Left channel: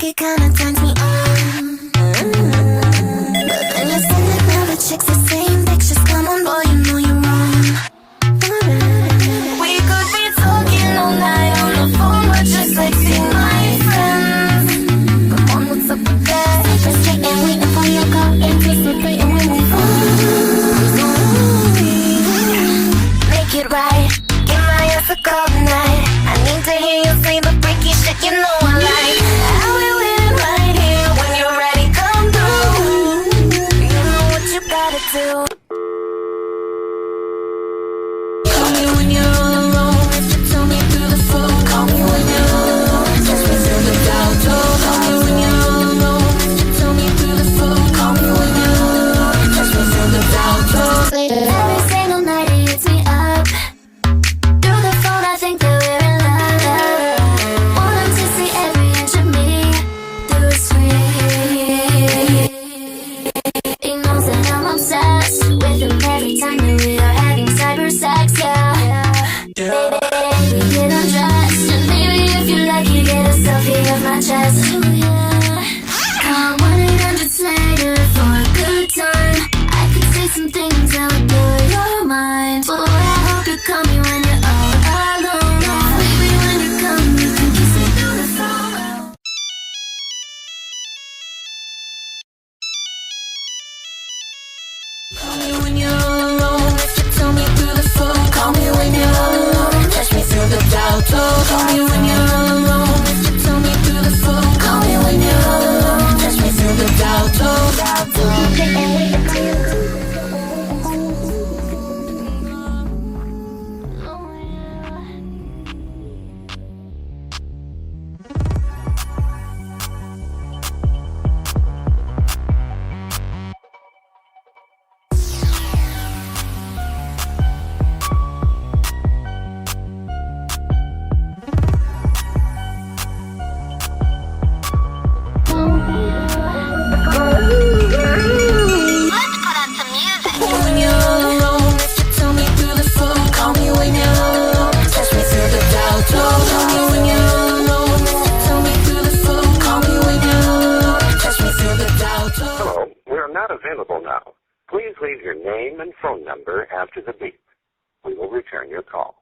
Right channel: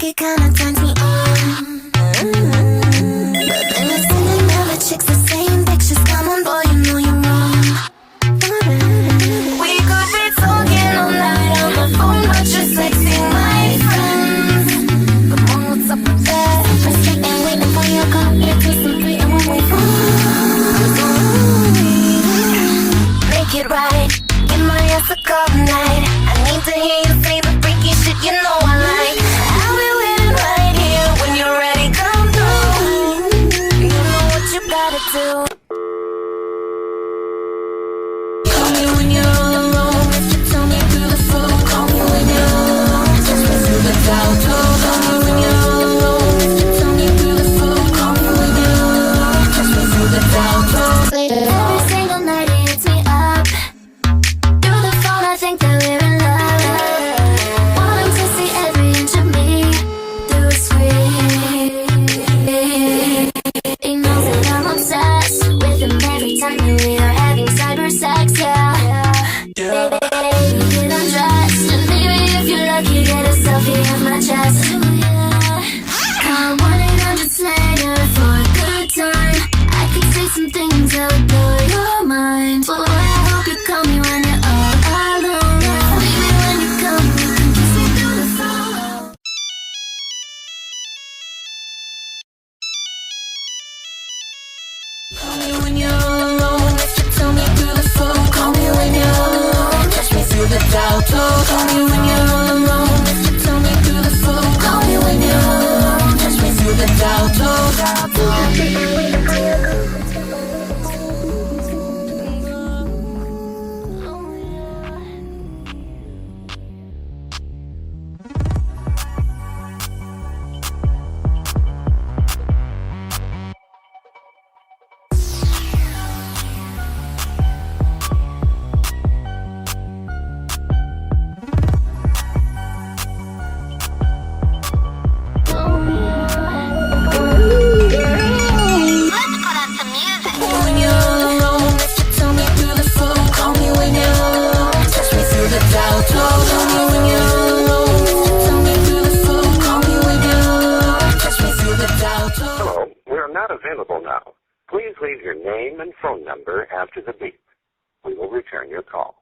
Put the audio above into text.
think it kinda turns me on. But then you're sending all the chicks the same pictures. Come on, boy, you know you're wrong. We could be talking all night on the phone, but just texting my friends. Come on, what's up with that? First date and waiting for you to call, anticipating when we fall. I'm so lonely. Make it right. Give my ass a call tonight. I need to hear you say the freaky shit you know I like. I'll be waiting right here when you're ready, come through. You know what you gotta do. Call me when you're all alone. If you tell me through the phone. Call me when you're alone. Touch me through the doubt. Call me when you're all alone. If you tell me through the phone. Call me when you're alone. Touch me through the doubt. Every single night he hits me up. Through the phone I think that we're in love. Want him to see every inch of me through a screen. He knows that I'm obsessed with him every time that we are having cyber sex, yeah. Baby, get undressed, and maybe if you're lucky, get a selfie of my chest. Ooh, yeah. Call 1-800-SLAYER for a good time. I could say some things that would blow your mind. Boy, I hope you call me when you're all alone. Baby, when you come, you can kiss me through the phone. Call me when you're all alone. If you tell me through the phone. Call me when you're all alone. Touch me through the doubt. Call me when you're all alone. If you tell me through the phone. Call me when you're all alone. Touch me through the doubt. Not available now. Please leave your name and phone number after the beep. We will return your call.